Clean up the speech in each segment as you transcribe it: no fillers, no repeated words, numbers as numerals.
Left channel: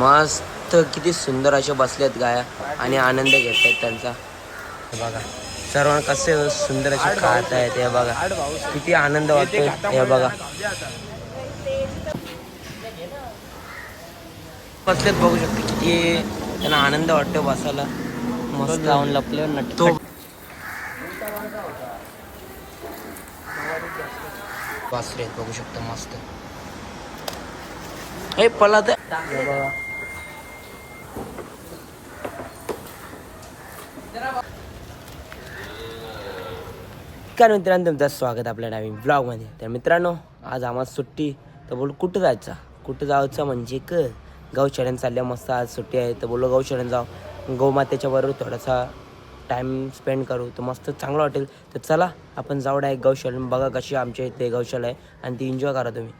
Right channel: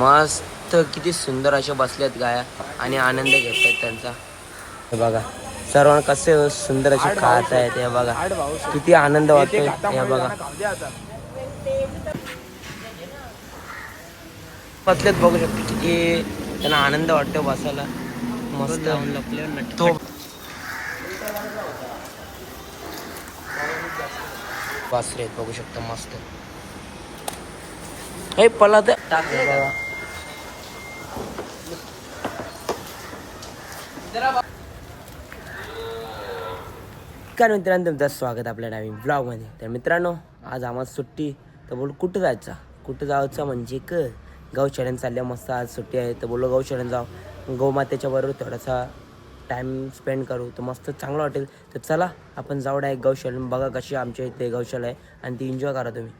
मस्त किती सुंदर अशा बसल्यात गाया आणि आनंद घेत आहेत त्यांचा. हे बघा सर्वांना कसे सुंदर असे खात आहेत. हे बघा किती आनंद वाटतोय. हे बघा बसल्यात बघू शकते किती त्यांना आनंद वाटतो बसायला. मस्त तो वासरे आहेत बघू शकता मस्त. हे पला तर हे बघा काय मित्रांनो तुमचं स्वागत आपल्या नवीन ब्लॉगमध्ये. तर मित्रांनो आज आम्हाला सुट्टी. तर बोल कुठं जायचं, कुठं जायचं म्हणजे गौशाळेन चालल्या मस्त. आज सुट्टी आहे तर बोललो गौशाळेन जाऊ, गौमातेच्या बरोबर थोडासा टाईम स्पेंड करू तर मस्त चांगलं वाटेल. तर चला आपण जाऊ डायरेक्ट गौशाळेन. बघा कशी आमच्या इथे गौशाला आहे आणि ती एन्जॉय करा तुम्ही.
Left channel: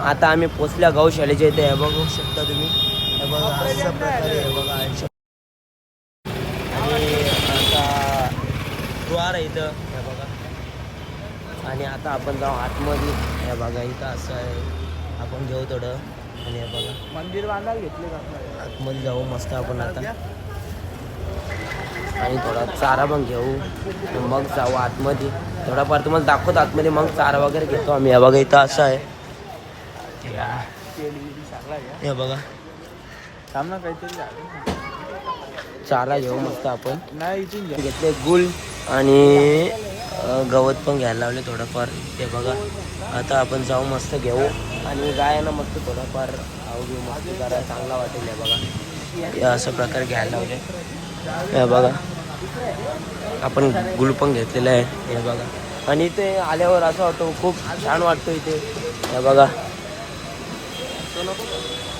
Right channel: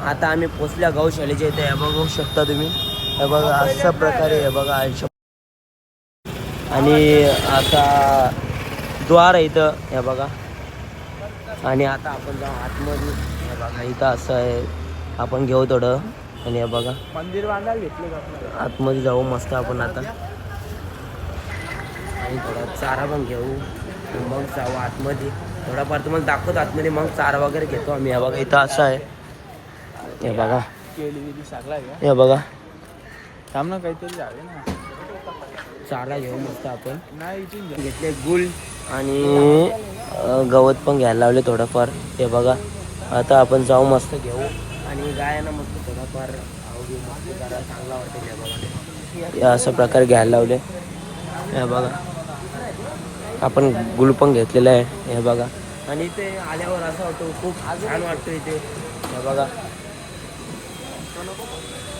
आता आम्ही पोचल्या गौशाळेच्या इथे. हे बघू शकता तुम्ही. हे बघा अशा प्रकारे हे बघा आणि आता द्वार आहे इथं. हे बघा आणि आता आपण जाऊ आतमध्ये. हे बघा इथं असं आहे, आपण घेऊ थोडं आणि हे बघा आतमध्ये जाऊ मस्त आपण आता आणि थोडा चारा पण घेऊ मग जाऊ आतमध्ये. थोडाफार तुम्हाला दाखवतो आतमध्ये, मग चारा वगैरे घेतो आम्ही. हे बघा इथं असं आहे. हे बघा हे बघा चारा घेऊ मस्त आपण. घेतले गुल आणि गवत पण घ्यायला लावले थोडंफार. ते बघा आता आपण जाऊ मस्त घेऊ आणि गायांना मस्त थोडाफार खाऊ घेऊ मस्त, जरा चांगला वाटेल. हे बघा या अशा प्रकारे घ्यायला लावले. हे बघा आपण गुल पण घेतलेलं आहे. हे बघा आणि इथे आल्यावर असं वाटतं खूप छान वाटतं इथे. हे बघा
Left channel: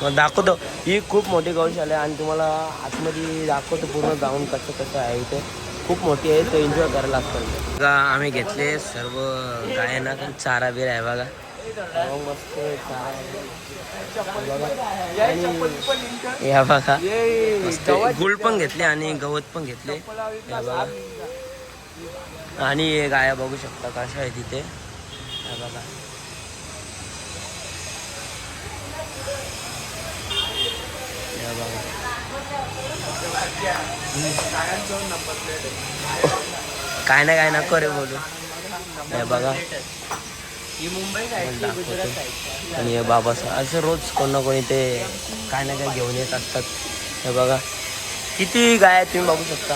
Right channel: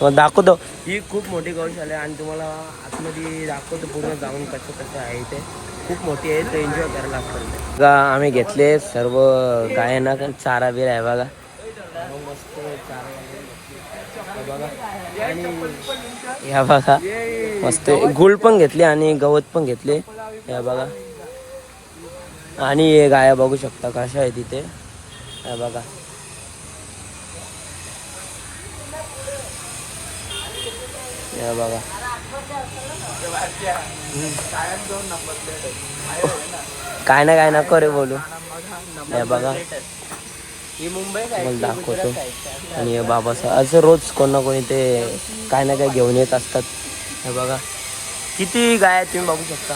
मग दाखवतो. ही खूप मोठी गौशाला आहे आणि तुम्हाला आतमध्ये दाखवतो पूर्ण जाऊन कसं कसं आहे. इथे खूप मोठी आहे तर एन्जॉय करायला लागतं. बघा आम्ही घेतले सर्व गायांना चारा बिरा आहे बघा. मस्त चारा वगैरे बघा आणि या बघा मस्त गुळ पण घेतले आणि गवत पण घेतले. या बघा आणि गाया बघू शकता कशा आहे तिथे. या बघा या बघा काय ना काय नको रे बोलू. हे बघा मला दाखवतो. आणि हे बाबा असं रोज कोण ना कोणी ते काय ना काय घेऊन येत असतात. हे बघा किती गाय आहेत तुम्ही बघू शकता.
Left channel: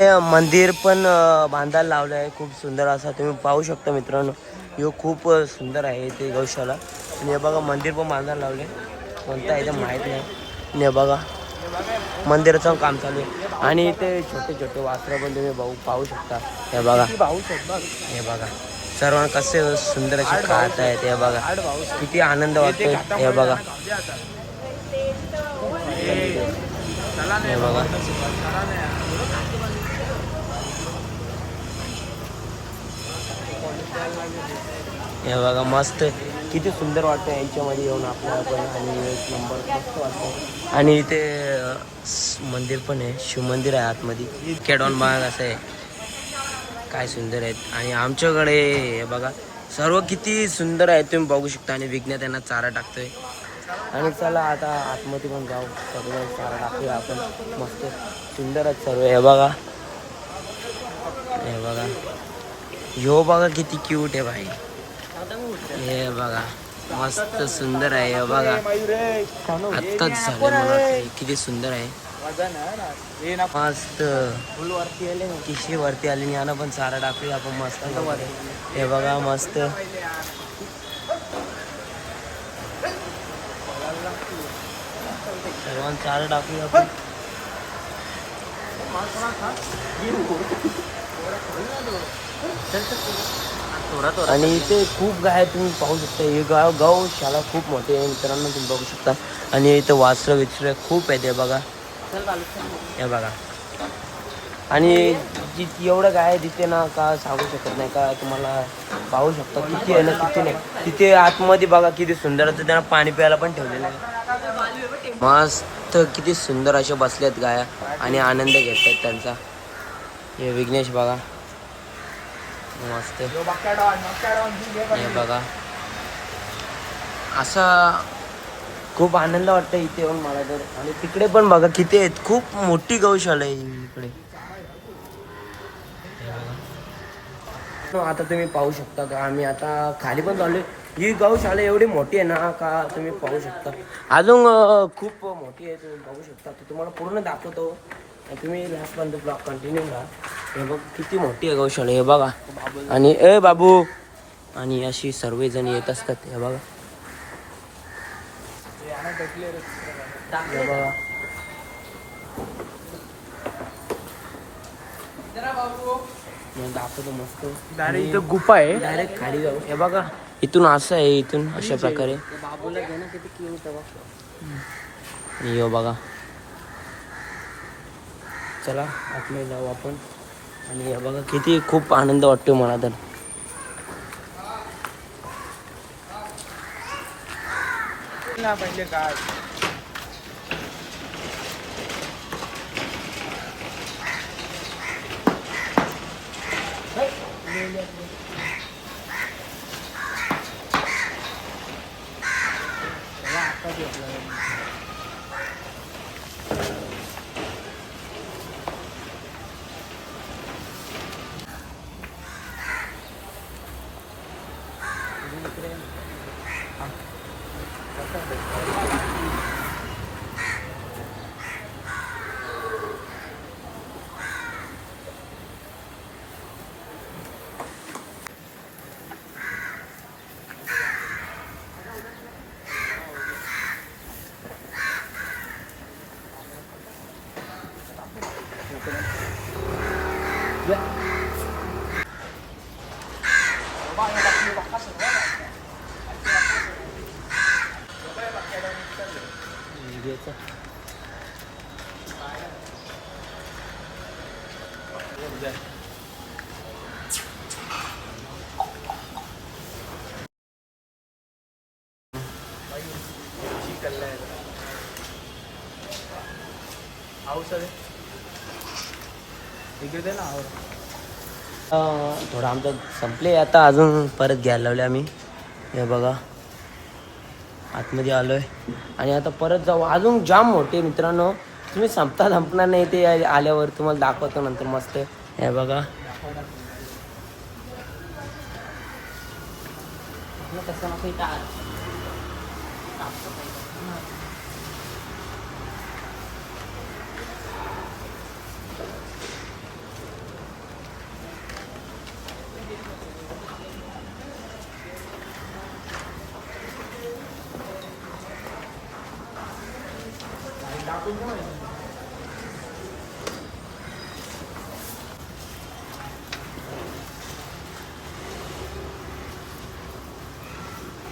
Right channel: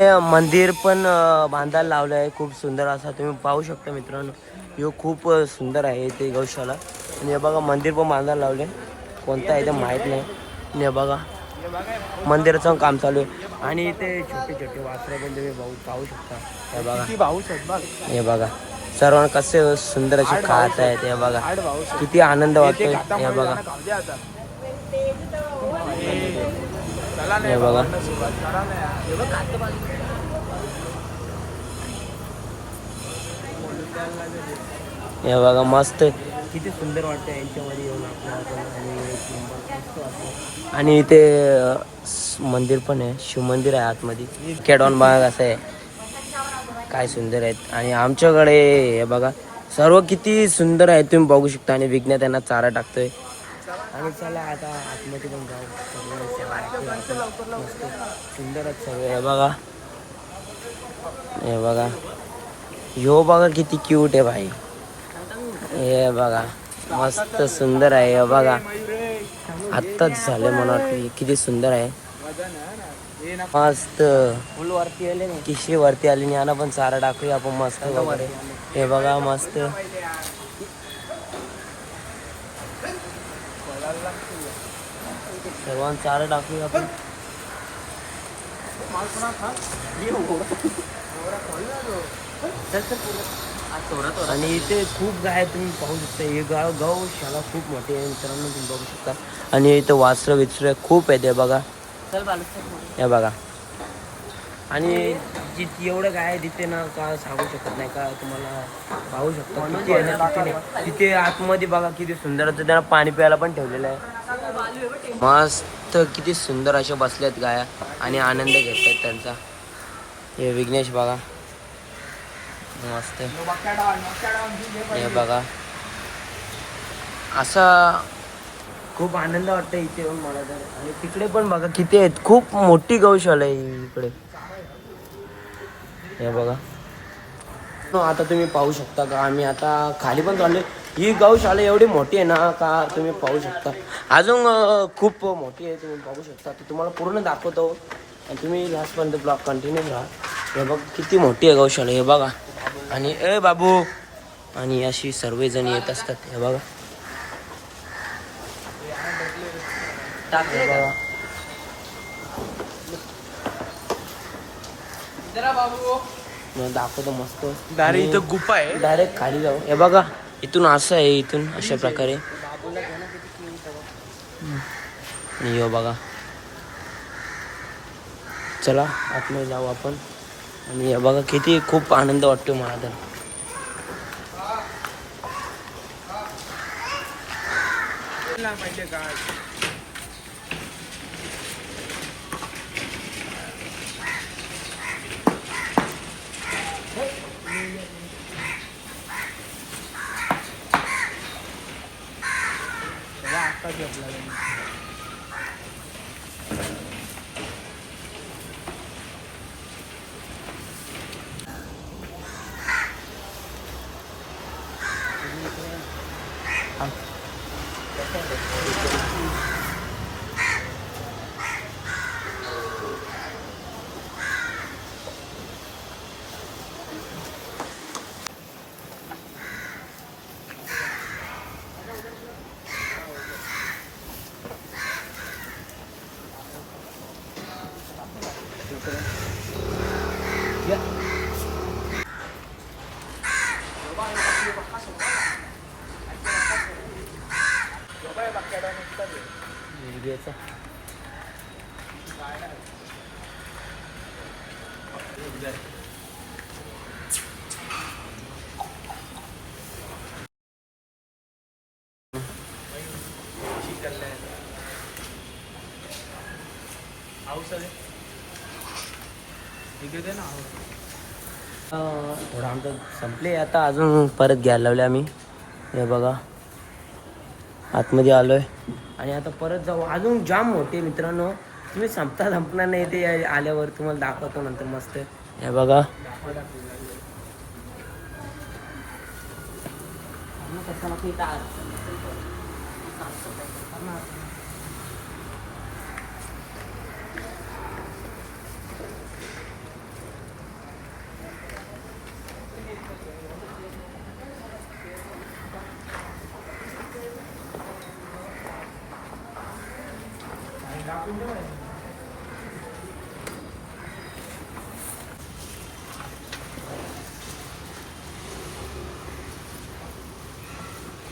हे मंदिर पण बांधायला लावलं आहे खूप सुंदर असा. तुम्ही पाहू शकता मित्रांनो. हे खूप सुंदर आहे ते गौशाला. आणि हे बघा मंदिर पण बांधायला लावले. कोणतं आहे ते माहीत नाही. आणि हे बघा मंदिराचं काम चालू आहे आणि इथे छोटे छोटे वासरं पण तुम्ही पाहू शकता. हे बघा हे बघा सर्वांना कसे सुंदर असे खात आहेत. हे बघा किती आनंद वाटतोय. हे बघा हे बघा हे बघा मस्त किती सुंदर वाटतं यांच्यामध्ये येऊन आपल्याला पण. आणि एक नंबर मस्त वाटतं. आणि इथे मंदिर पण आहे, शिवमंदिर आहे आतमध्ये. खेडॉन बाग असं आहे, काय सुंदर आहेत. आणि आमच्याकडे हे बघा सर्व किती सुंदर आहे तुम्ही बघू शकता. आणि विज्ञान त्यांना चारा टाकतोय. आणि चला आता आतमध्ये पण जाऊ, सर्व चारा टाकूया आपण मस्त. सुंदरच सर्व. हे बघा हे बघा ह्यो बघा किती क्यूट आहे भाई. हे बघा मस्त सुंदर आहे. हे बघा आत्ताच झाले म्हणा, किती सुंदर आहे मस्त. तिसरी वरती आली आणि पण चारा टाकूया आपण मस्त वगैरे. हे बघा मस्त सर्वांना चारा टाकूया आपण. आणि इथे खूप गाय तुम्ही पाहू शकता. हे गौशाला खूप मोठी आहे मित्रांनो, तुम्ही बघू शकता. आणि इथं वासरं विसरं खूप आहेत. हे बघा हे बघा आणि एवढं गाय आहे तिथे ना का सांगू शकत नाही का. तुम्हाला पाहू शकता किती आहे ना, किती नाही. तिथे आतमध्ये बघा किती सुंदर. तर त्यांना पाणी प्यायला पण ठेवलेलं आहे मस्त. किती सुंदर अशा बसल्यात गाया आणि आनंद घेत आहेत त्यांचा. हे विघ्नेश बघा मस्त. हे बघा असा खूप आनंद वाटतो इथे येऊन मला तर. आणि तिकडे पण बघा किती आहेत, खूप मोठी गौशाला आहे इकडे. हे बघा आता तुम्ही पाहू शकता का, आम्ही आता खाली पण चाललोय. ही गौशाला एवढी मोठी आहे ना का तुम्ही पाहू शकता. अजून खूप मोठी आहे, तुम्ही पाहू शकता. ती तुम्हाला पूर्ण दाखवतो आणि तुम्ही लास्टपर्यंत ब्लॉग कंटिन्यू राहा. हे बघ किती मोठी आहे गौशाला, हे बघा. आणि ए बाबू, आणि अशी सर्वजण येत असतात. हे बघा, हे बघा. मी दाखवतो मस्त. डायरेक्ट इथं गुफा आहे. डायरेक्ट खाली जाऊ. हे बघा इथून असं आहे, इथून अशा प्रकारे. आणि यो बघा, चला आतमध्ये जाऊ आपण. आणि हे बघा किती खूप आनंद वाटतो मला तर. थोडं आमचं संपले आता, अजून परत घ्यायला लावले आम्ही. हे बघा आतमध्ये आलोय आणि आता परत जाऊ. अजून जाम मोठे मित्रांनो, तुम्ही संपणार नाही. ते आल्यावर तुम्हाला दाखवतो नंतर मस्त. हे बघा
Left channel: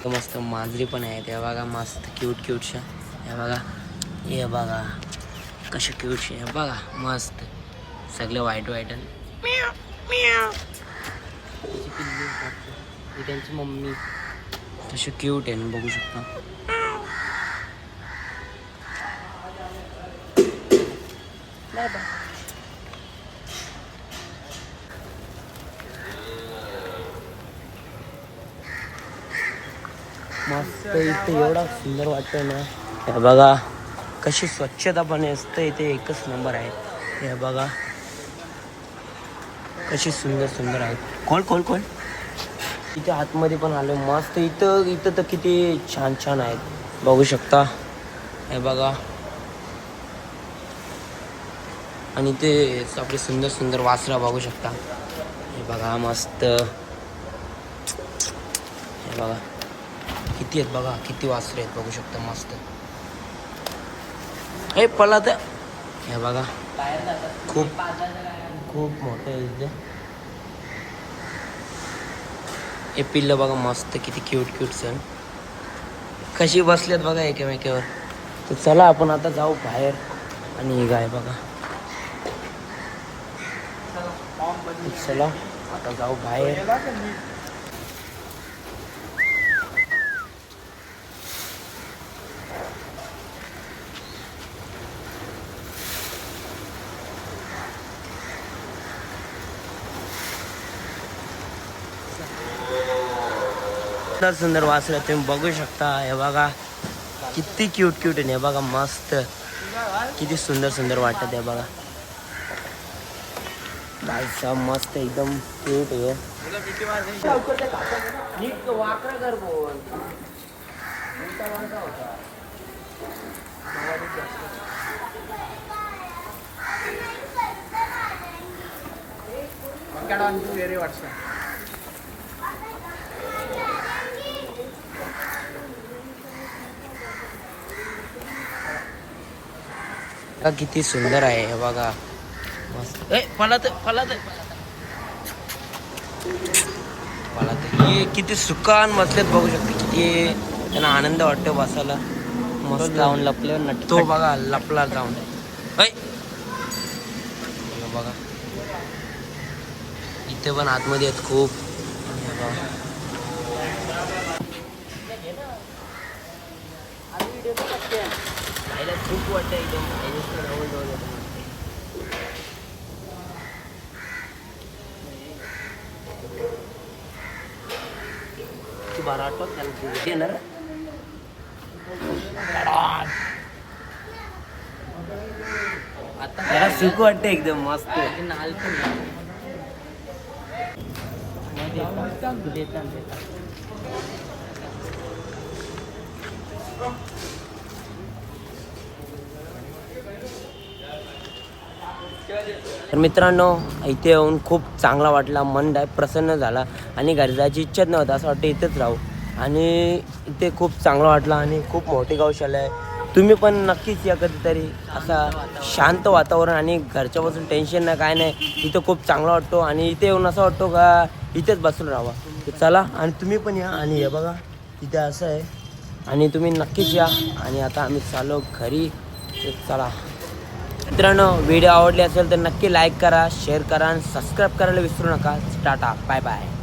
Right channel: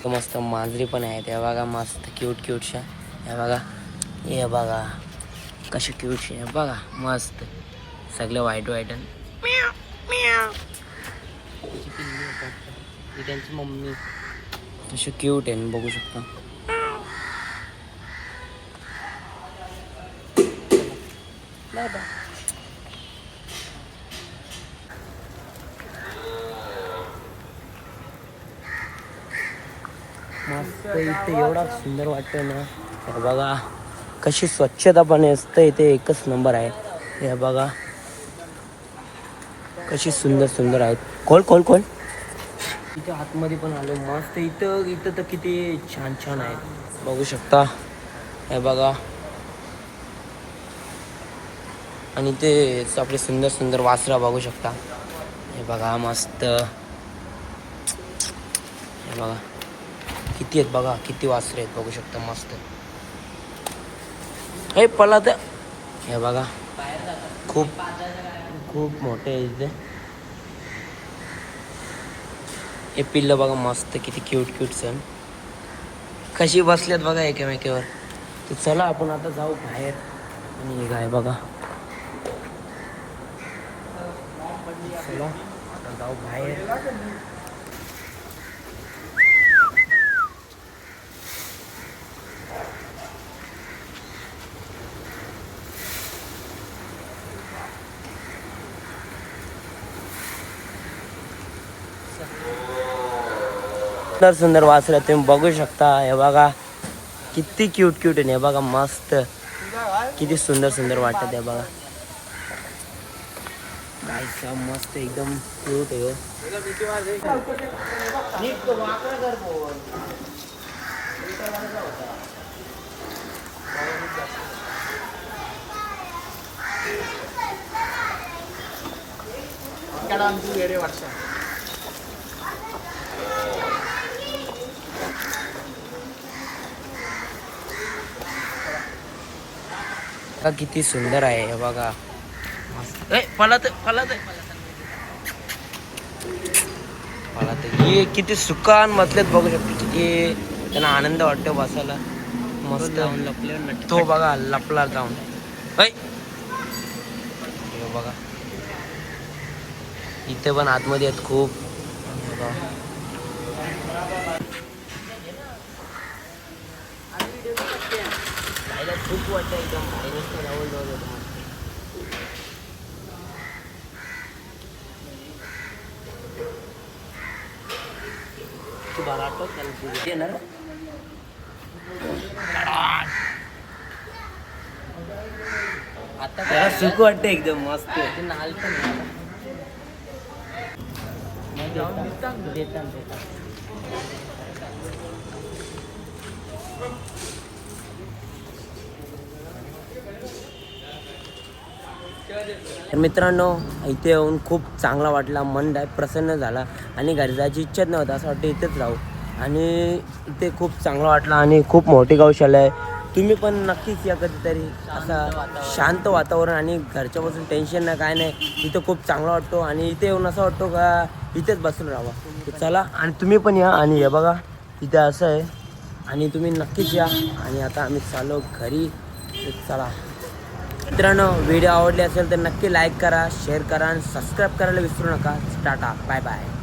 मस्त मांजरी पण आहेत. हे बघा मस्त क्यूट क्यूटशा. हे बघा, हे बघा कसे क्यूटशे. हे बघा मस्त सगळे व्हाईट व्हाईट. त्यांची मम्मी तसे क्यूट आहे, बघू शकता. मस्त इथे एवढा सुंदर वाटतंय ना. हे बघा कशी स्वच्छता पण असते इथे, एकच नंबर आहे. हे बघा कशी सुंदर सुंदर आहेत. कोण कोण कोण इथे आतमध्ये पण आलो मस्त. इथं तर किती छान छान आहेत, बघू शकता. हे बघा, आणि ते आपले सुंदर सुंदर वासरा बघू शकता. हे बघा मस्त. हे बघा किती आहेत, बघा किती वासरे आहेत, बघू शकता मस्त. हे पळत. हे बघा खूप खूप मोठे आहे इथे. हे पिल्लं बघा मस्त किती क्यूट क्यूट सण कशी बसलेत बघा एकमेकावर. तर चला आपण आता जाऊ बाहेर. आणि गाय बघा, चला आता जाऊ बाहेर. सुंदर सुंदर वासरे तुम्ही बघू शकता. हे बघा किती क्यूट क्यूट आहे. हे बघा मस्त किती सुंदर सुंदर वाटत आहे बघा. गाईचा मस्त एकदम क्यूट आहे हो. किती सुंदर आहे हे बघा मस्त. पळत हे किती सुकान बसलेत बघू शकते. किती त्यांना आनंद वाटतो बसायला. मस्त जाऊन लपले तो बघा लपला जाऊन. हे बघा इथे पण आतमध्ये आहेत खूप. खूप वाटतं एकदम तू बारा आठवत त्याला आता त्याला सुख वाटतं एकदम मस्त. तर मित्रांनो इथे येऊन खूप चांगला वाटला. मन प्रसन्न झाला आणि घरी जायची इच्छाच नव्हती. असं वाटतं इथेच राहू. आणि इथे खूप चांगलं वाटलं आणि खूप मोठी गौशाला आहे. तुम्ही पण नक्कीच या कधीतरी. असा शांत वातावरण आणि घरच्यापासून टेन्शन नाही काय नाही. इथं खूप चांगला वाटतो आणि इथे येऊन असं वाटतो का इथेच बसून राहावा. तर चला आणि तुम्ही पण या. आणि हे बघा इथे असं आहे आणि तुम्ही नक्कीच या. आणि आता आम्ही चाललो घरी. चला मित्रांनो व्हिडिओ आवडले असेल तर नक्की लाईक करा, शेअर करा आणि सबस्क्राईब करायला विसरू नका. Ta-ta bye bye.